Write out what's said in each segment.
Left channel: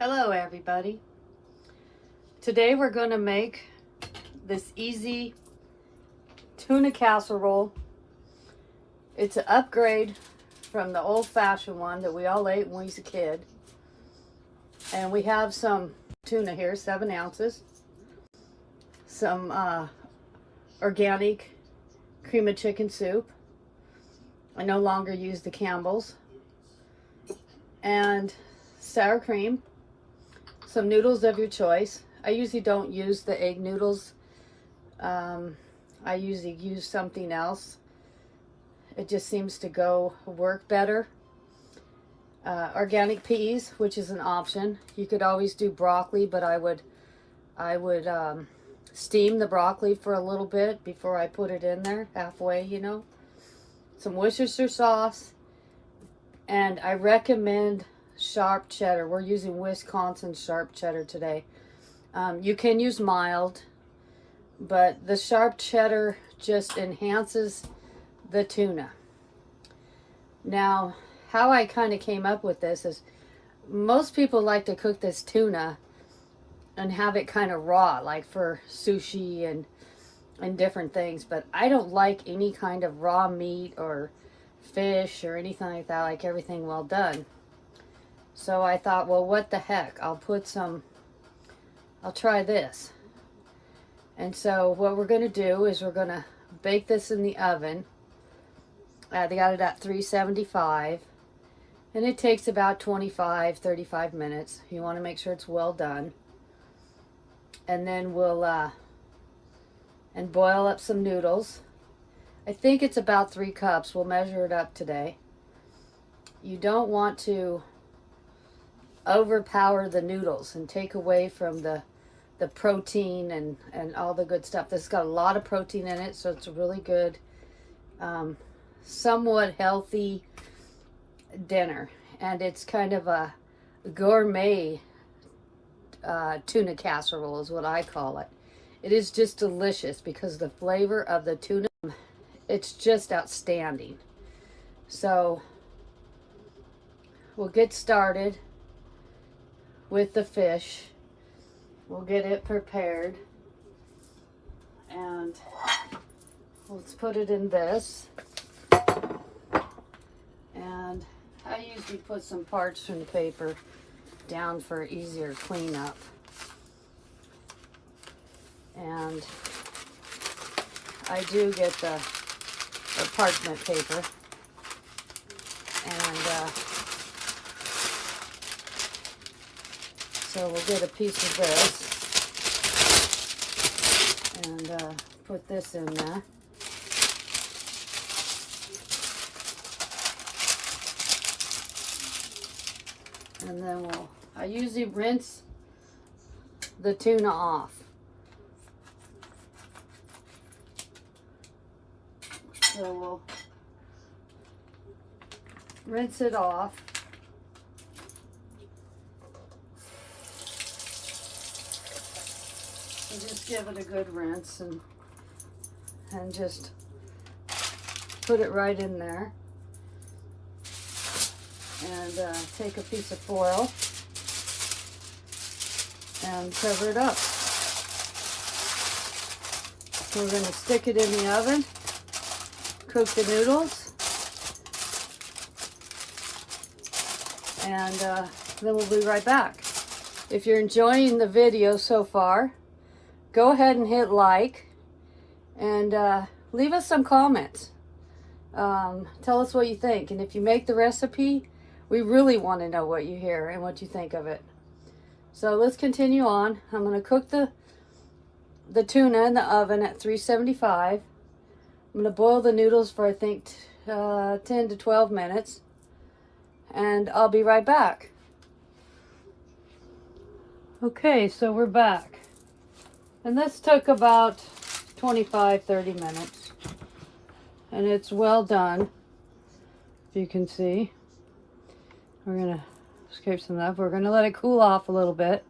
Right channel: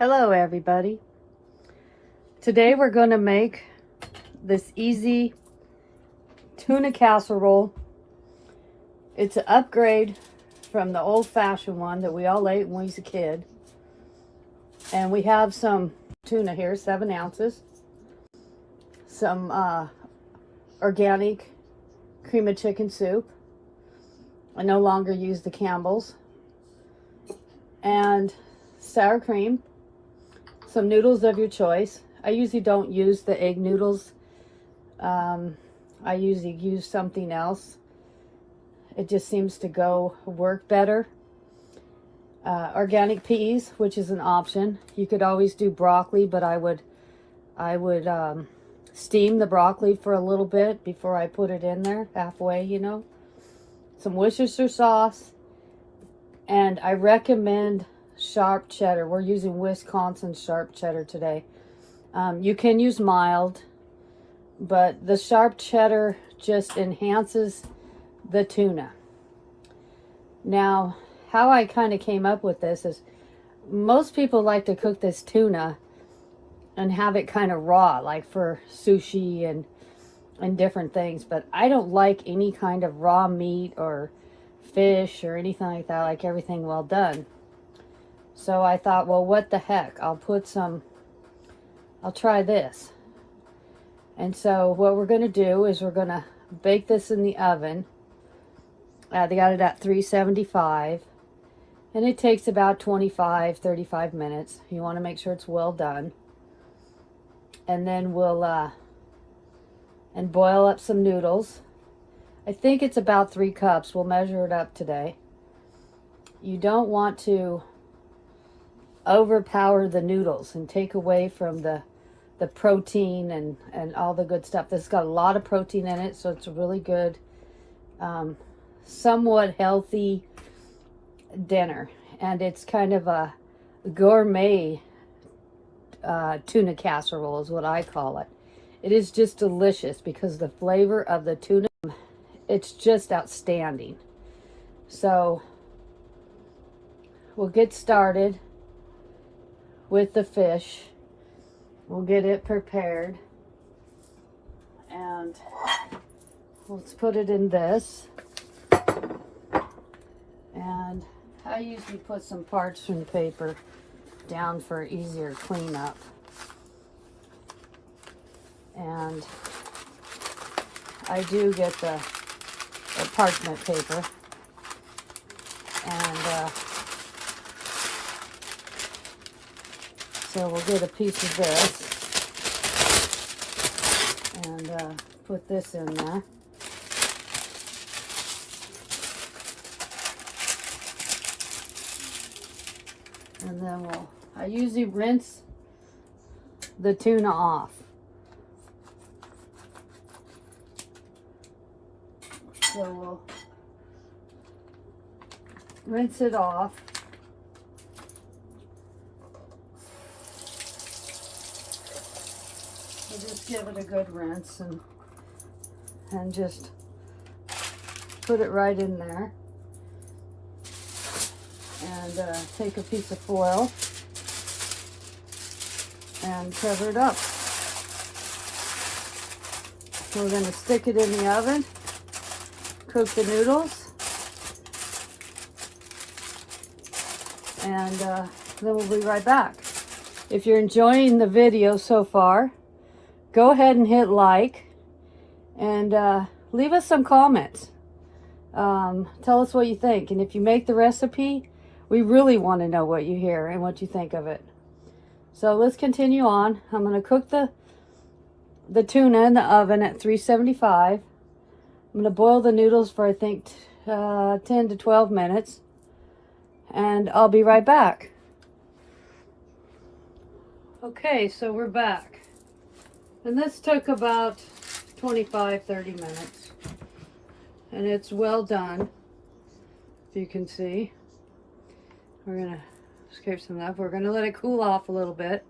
Hello everybody. Today we're going to make this easy tuna casserole. It's an upgrade from the old-fashioned one that we all ate when we was a kid. And we have some tuna here, 7 ounces. Some organic cream of chicken soup. I no longer use the Campbell's. And sour cream. Some noodles of your choice. I usually don't use the egg noodles. I usually use something else. It just seems to work better. Organic peas, which is an option. You could always do broccoli, but I would steam the broccoli for a little bit before I put it in there, halfway, you know. Some Worcestershire sauce, and I recommend sharp cheddar. We're using Wisconsin sharp cheddar today. You can use mild, but the sharp cheddar just enhances the tuna. Now, how I kind of came up with this is most people like to cook this tuna and have it kind of raw, like for sushi and different things, but I don't like any kind of raw meat or fish or anything like that. I like everything well done. So I thought, well, what the heck? I'll try this. And so what we're going to do is we're going to bake this in the oven. They got it at 375. And it takes about 25-35 minutes. You want to make sure it's well done. And then we'll and boil up some noodles. I think it's about 3 cups. We'll measure it up today. You don't want to overpower the noodles and take away from the protein and all the good stuff. This has got a lot of protein in it, so it's a really good, somewhat healthy dinner. And it's kind of a gourmet tuna casserole is what I call it. It is just delicious because the flavor of the tuna, it's just outstanding. So we'll get started with the fish. We'll get it prepared. And let's put it in this. And I usually put some parchment paper down for easier cleanup. And I do get the parchment paper. And so we'll get a piece of this and put this in there. And then I usually rinse the tuna off. So we'll rinse it off. We'll just give it a good rinse and just put it right in there. And take a piece of foil and cover it up. So we're going to stick it in the oven, cook the noodles, and then we'll be right back. If you're enjoying the video so far, go ahead and hit like and leave us some comments. Tell us what you think, and if you make the recipe, we really want to know what you hear and what you think of it. So let's continue on. I'm going to cook the tuna in the oven at 375. I'm going to boil the noodles for I think 10 to 12 minutes, and I'll be right back. Okay, so we're back. And this took about 25-30 minutes. And it's well done, if you can see. We're going to scrape some of that. We're going to let it cool off a little bit.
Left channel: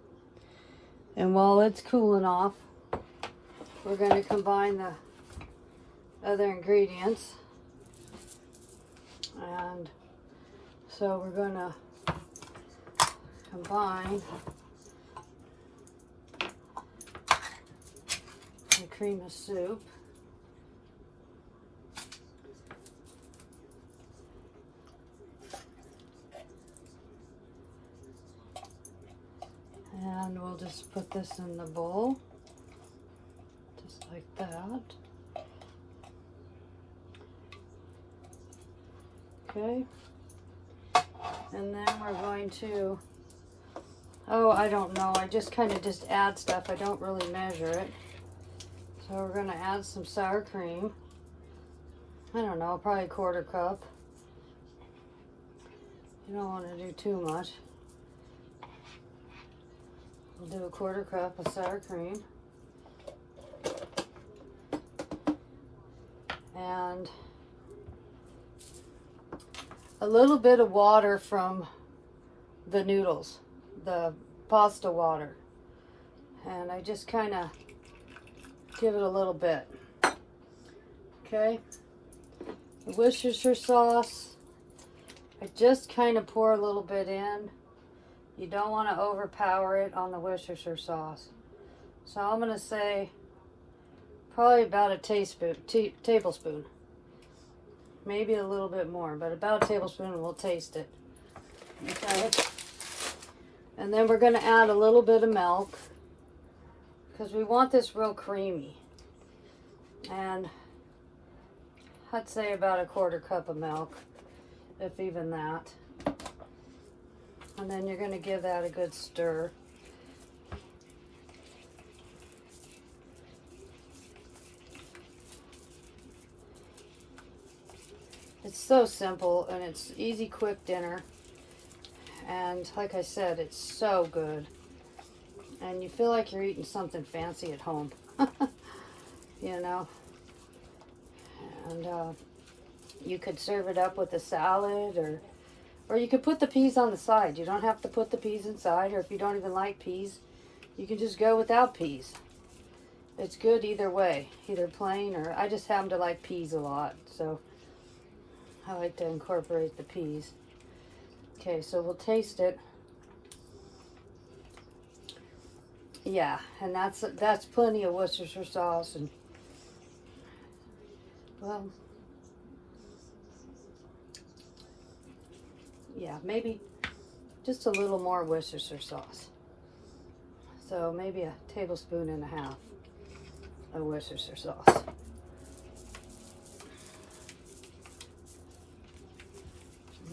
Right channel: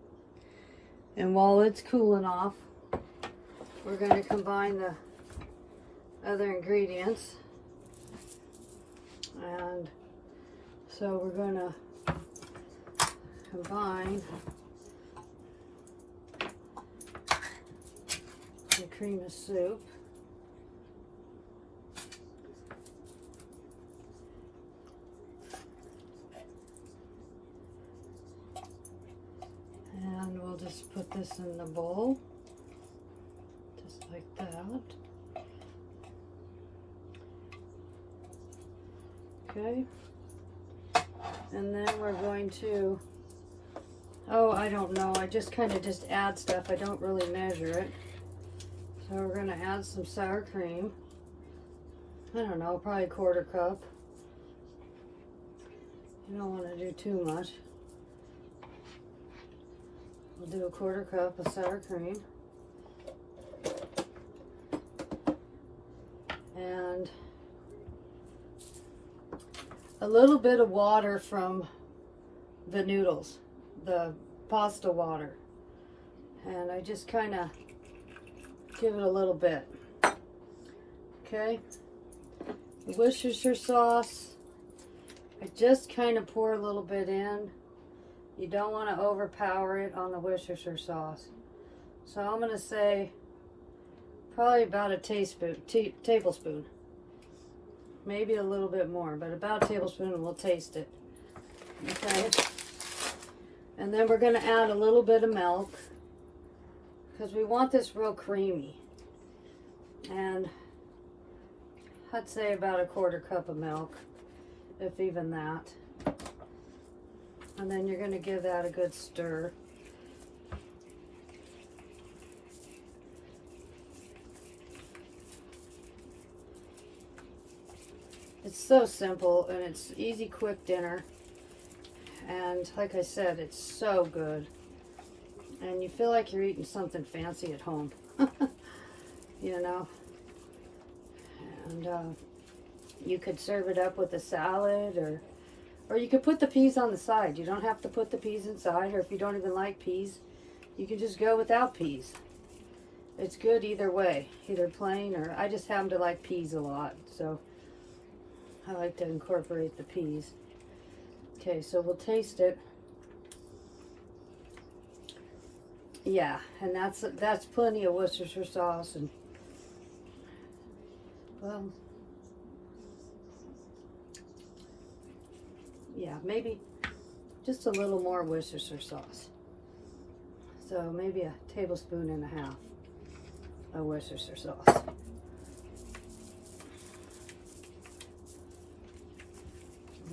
And while it's cooling off, we're going to combine the other ingredients. And so we're going to combine the cream of soup and we'll just put this in the bowl just like that. Okay, and then we're going to, oh, I don't know, I just kind of just add stuff. I don't really measure it. So we're going to add some sour cream. I don't know, probably a 1/4 cup. You don't want to do too much. We'll do a 1/4 cup of sour cream. And a little bit of water from the noodles, the pasta water. And I just kind of give it a little bit. Okay. Worcestershire sauce, I just kind of pour a little bit in. You don't want to overpower it on the Worcestershire sauce. So I'm going to say probably about a tablespoon. Maybe a little bit more, but about a tablespoon and we'll taste it. Okay. And then we're going to add a little bit of milk because we want this real creamy. And I'd say about a 1/4 cup of milk, if even that. And then you're going to give that a good stir. It's so simple and it's easy, quick dinner. And like I said, it's so good. And you feel like you're eating something fancy at home. You know. And you could serve it up with a salad, or you could put the peas on the side. You don't have to put the peas inside, or if you don't even like peas, you can just go without peas. It's good either way, either plain or, I just happen to like peas a lot, so I like to incorporate the peas. Okay, so we'll taste it. Yeah, and that's plenty of Worcestershire sauce, and well, yeah, maybe just a little more Worcestershire sauce. So maybe a tablespoon and a half of Worcestershire sauce.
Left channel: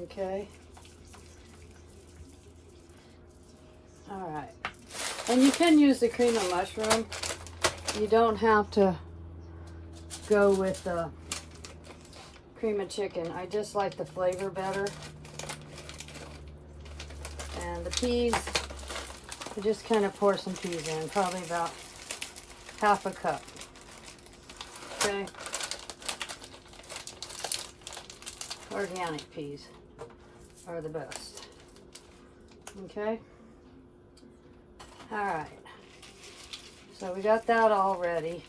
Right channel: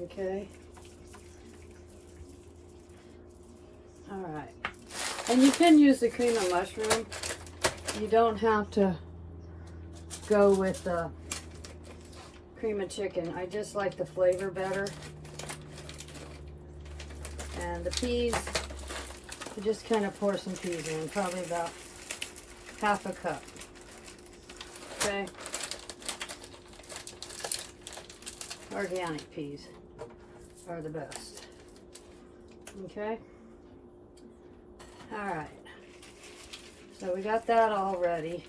Okay. All right. And you can use the cream of mushroom. You don't have to go with the cream of chicken. I just like the flavor better. And the peas, you just kind of pour some peas in, probably about 1/2 cup. Okay. Organic peas are the best. Okay. All right. So we got that all ready.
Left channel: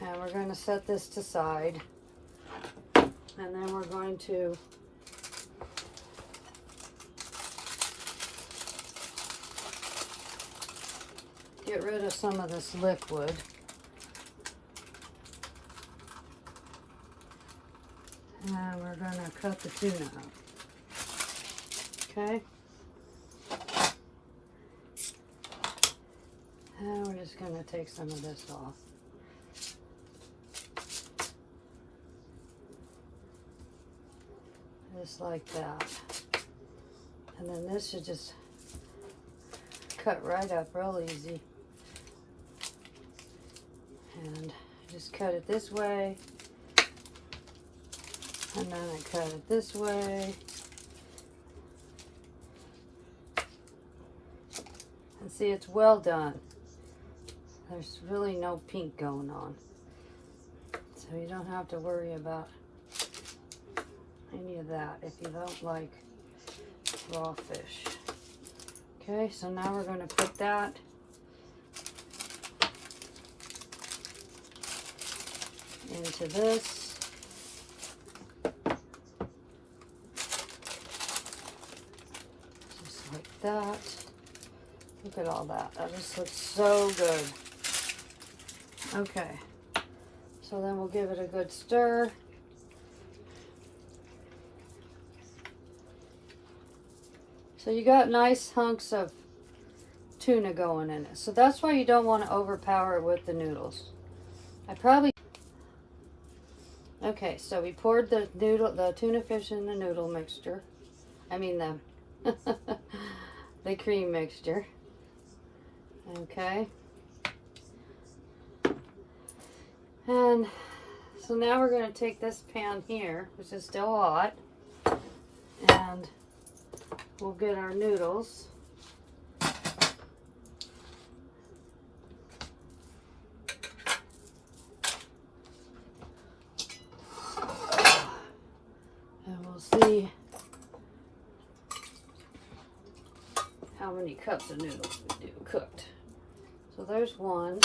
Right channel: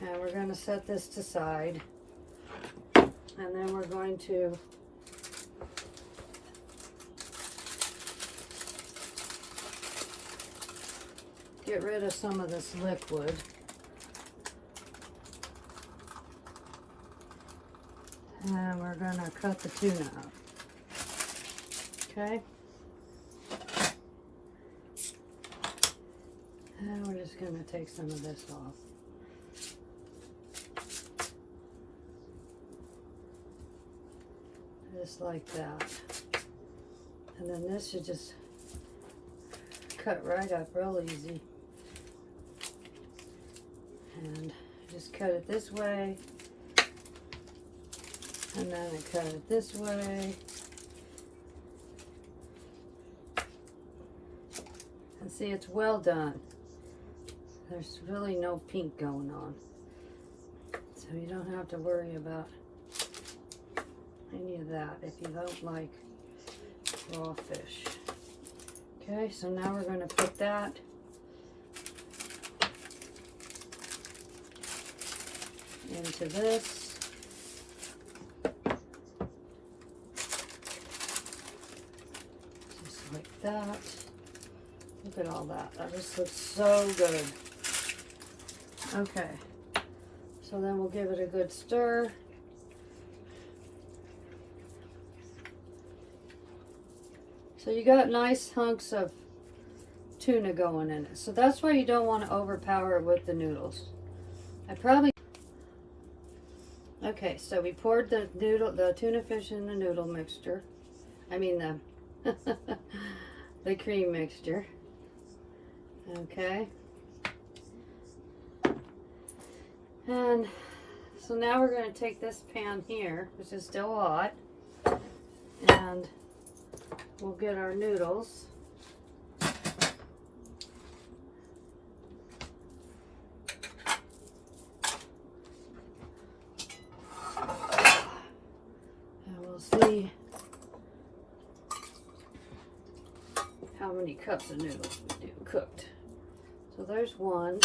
And we're going to set this to side. And then we're going to get rid of some of this liquid. And we're going to cut the tuna up. Okay. And we're just going to take some of this off. Just like that. And then this should just cut right up real easy. And just cut it this way. And then I cut it this way. And see, it's well done. There's really no pink going on. So you don't have to worry about any of that if you don't like raw fish. Okay, so now we're going to put that into this. Just like that. Look at all that. That just looks so good. Okay. So then we'll give it a good stir. So you got nice hunks of tuna going in it. So that's why you don't want to overpower it with the noodles. Okay, so we poured the tuna fish in the noodle mixture. I mean the cream mixture. Okay. And so now we're going to take this pan here, which is still hot, and we'll get our noodles. And we'll see how many cups of noodles we do cooked. So there's 1,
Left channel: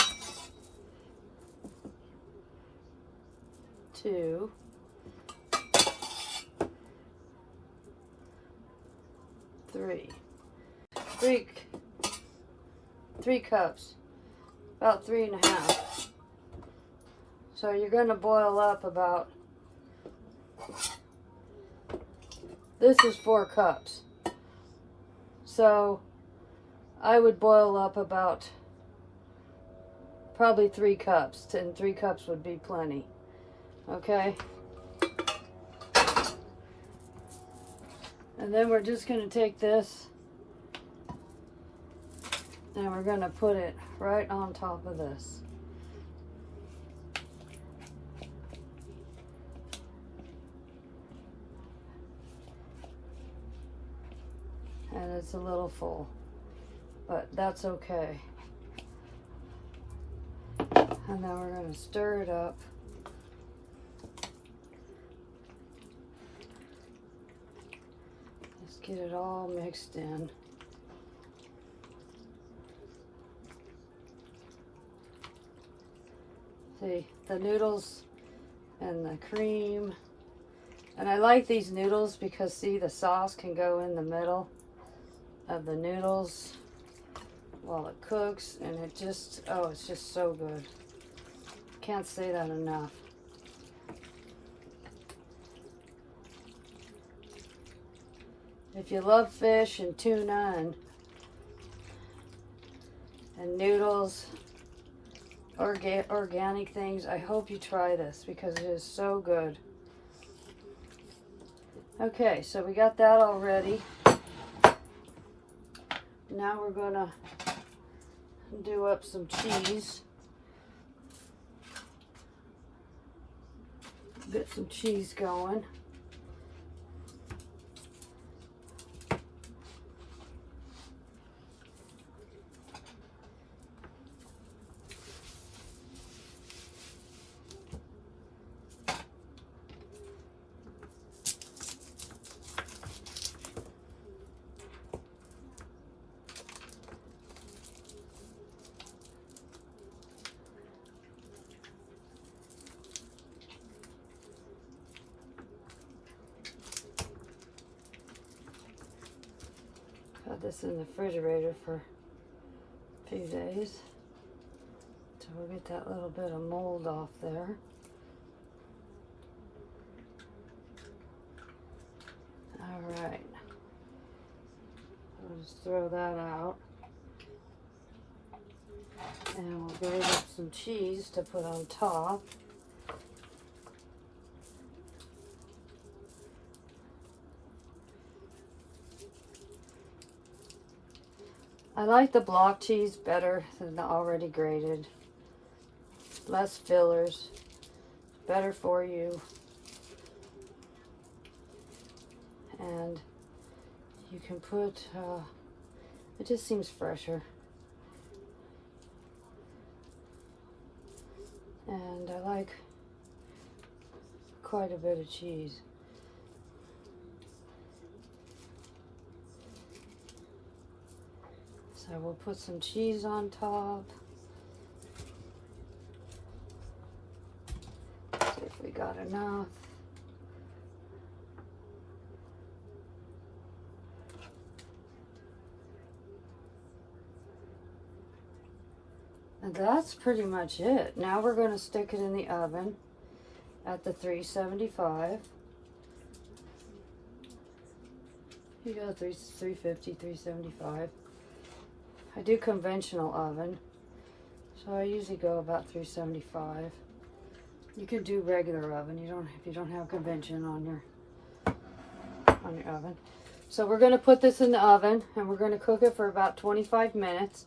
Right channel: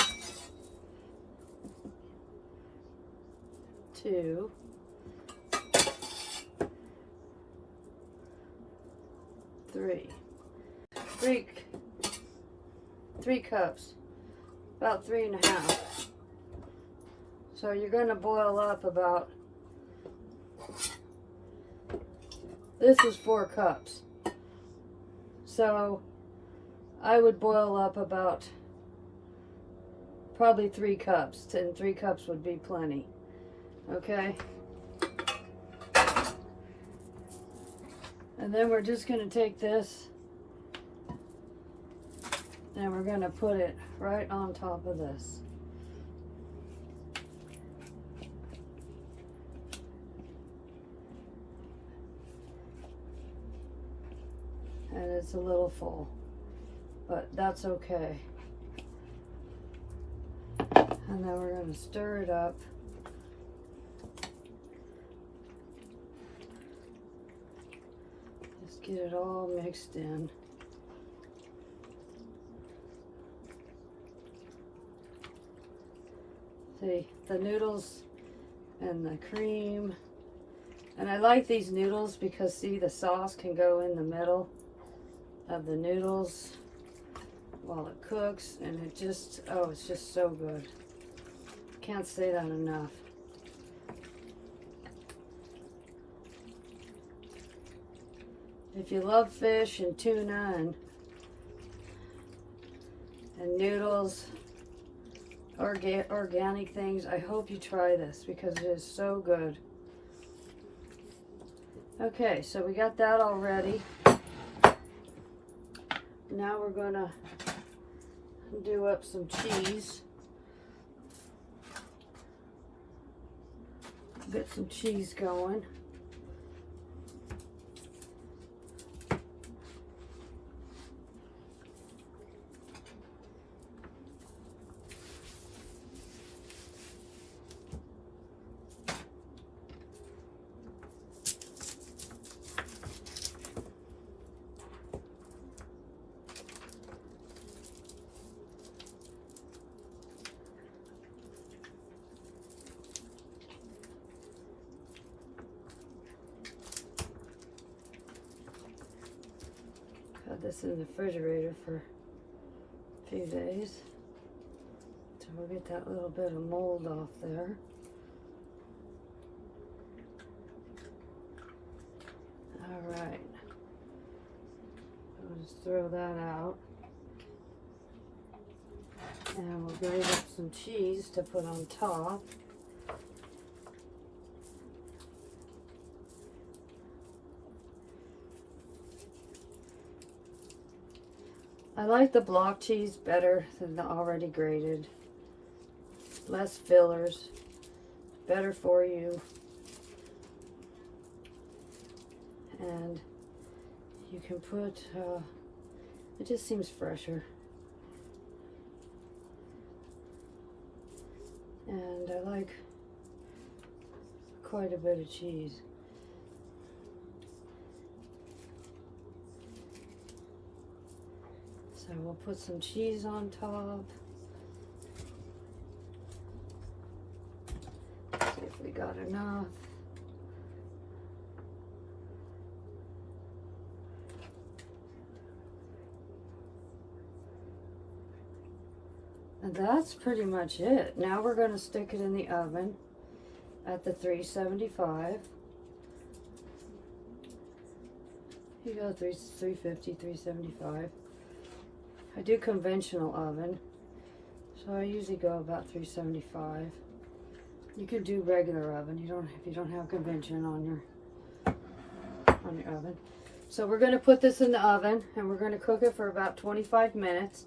2, 3. 3 cups, about 3.5. So you're going to boil up about, this is 4 cups. So I would boil up about probably 3 cups, and 3 cups would be plenty. Okay. And then we're just going to take this and we're going to put it right on top of this. And it's a little full, but that's okay. And then we're going to stir it up. Just get it all mixed in. See, the noodles and the cream. And I like these noodles because, see, the sauce can go in the middle of the noodles while it cooks, and it just, oh, it's just so good. Can't say that enough. If you love fish and tuna and noodles, organic things, I hope you try this because it is so good. Okay, so we got that all ready. Now we're gonna do up some cheese. Get some cheese going. Had this in the refrigerator for a few days. So we'll get that little bit of mold off there. Alright. I'll just throw that out. And we'll grate up some cheese to put on top. I like the block cheese better than the already grated. Less fillers, better for you. And you can put, it just seems fresher. And I like quite a bit of cheese. So we'll put some cheese on top. See if we got enough. And that's pretty much it. Now we're going to stick it in the oven at the 375. You go 350, 375. I do conventional oven, so I usually go about 375. You could do regular oven. If you don't have convention on your oven. So we're going to put this in the oven and we're going to cook it for about 25 minutes.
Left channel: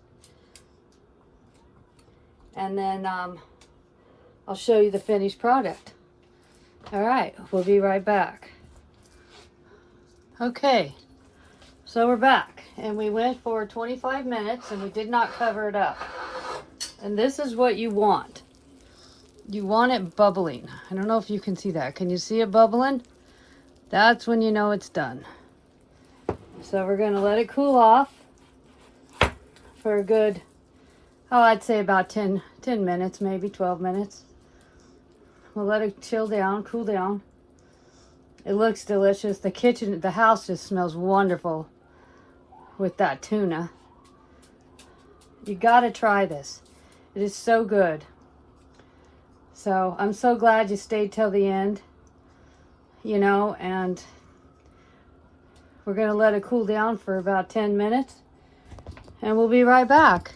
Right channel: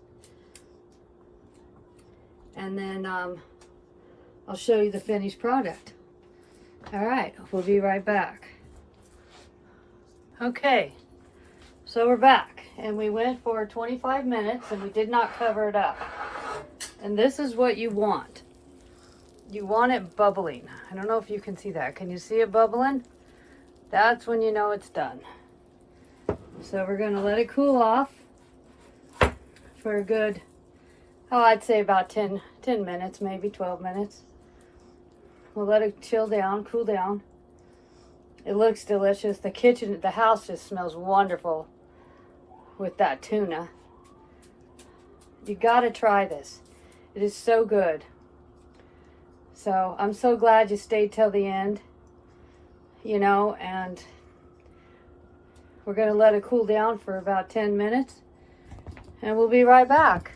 And then I'll show you the finished product. All right, we'll be right back. Okay, so we're back. And we went for 25 minutes and we did not cover it up. And this is what you want. You want it bubbling. I don't know if you can see that. Can you see it bubbling? That's when you know it's done. So we're going to let it cool off for a good, I'd say about 10 minutes, maybe 12 minutes. We'll let it chill down, cool down. It looks delicious. The house just smells wonderful with that tuna. You gotta try this. It is so good. So I'm so glad you stayed till the end, and we're gonna let it cool down for about 10 minutes and we'll be right back.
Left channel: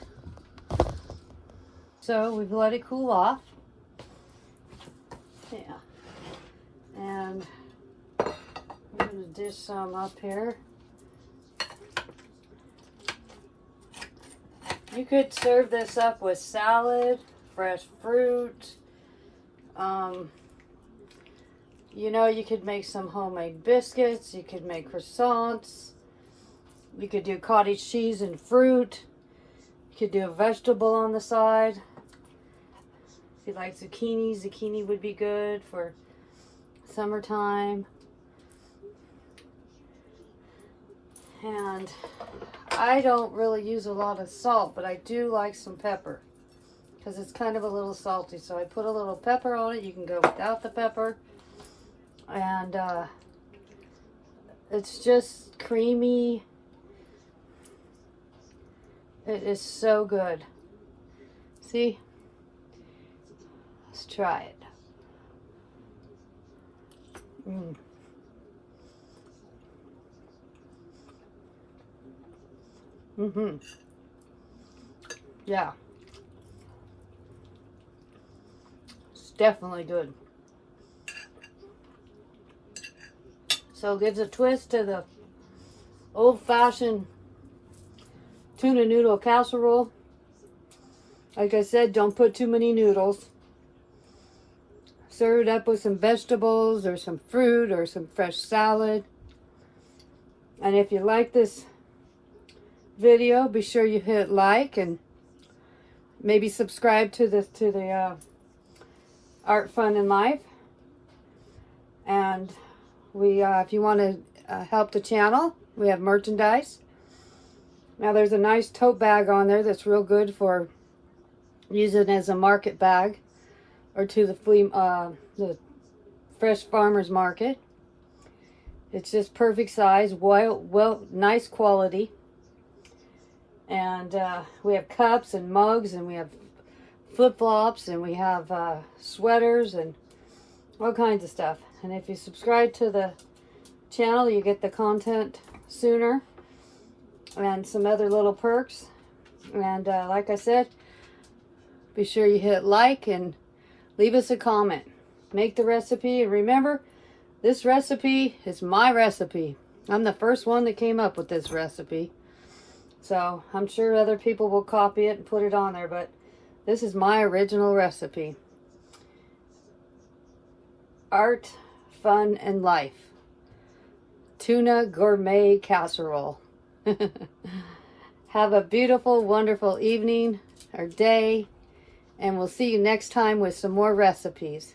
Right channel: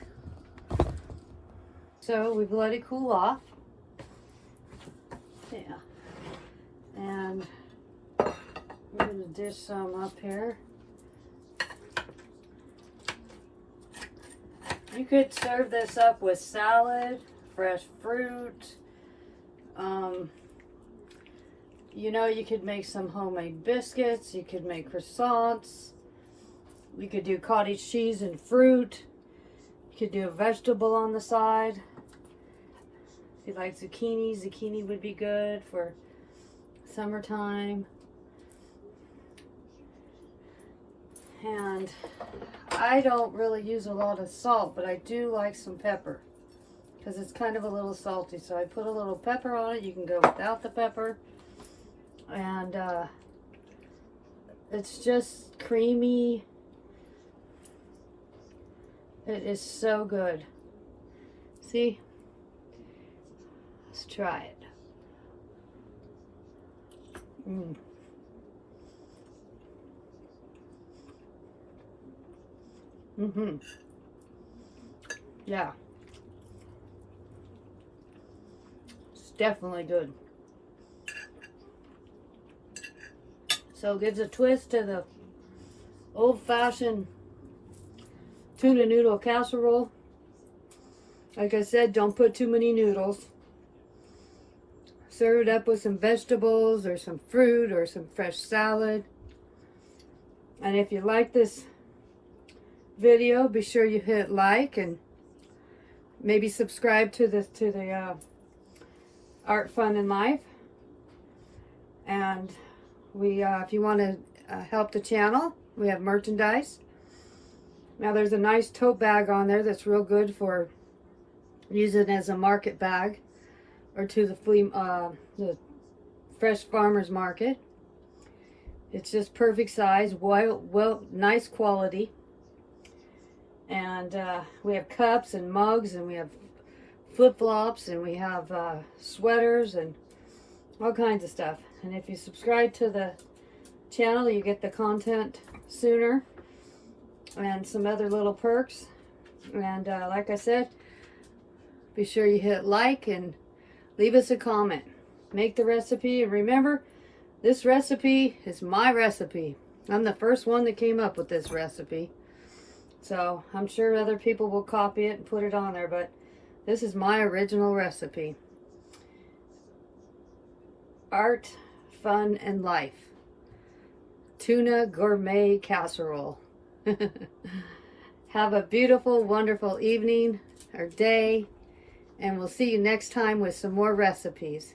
So we've let it cool off. Yeah. And we're gonna dish some up here. You could serve this up with salad, fresh fruit. You could make some homemade biscuits. You could make croissants. You could do cottage cheese and fruit. You could do a vegetable on the side. If you like zucchini would be good for summertime. And I don't really use a lot of salt, but I do like some pepper because it's kind of a little salty. So I put a little pepper on it. You can go without the pepper. And it's just creamy. It is so good. See? Let's try it. Yeah. It's definitely good. So it gives a twist to the old-fashioned tuna noodle casserole. Like I said, don't put too many noodles. Serve it up with some vegetables or some fruit or some fresh salad. And if you like this video, be sure you hit like and maybe subscribe to the Art, Fun, and Life. And if you want to help the channel, we have merchandise. Now there's a nice tote bag on there that's real good for using as a market bag or to the fresh farmers market. It's just perfect size, well, nice quality. And we have cups and mugs, and we have flip-flops, and we have sweaters and all kinds of stuff. And if you subscribe to the channel, you get the content sooner and some other little perks. And like I said, be sure you hit like and leave us a comment. Make the recipe, and remember, this recipe is my recipe. I'm the first one that came up with this recipe. So I'm sure other people will copy it and put it on there, but this is my original recipe. Art, Fun, and Life. Tuna Gourmet Casserole. Have a beautiful, wonderful evening or day, and we'll see you next time with some more recipes.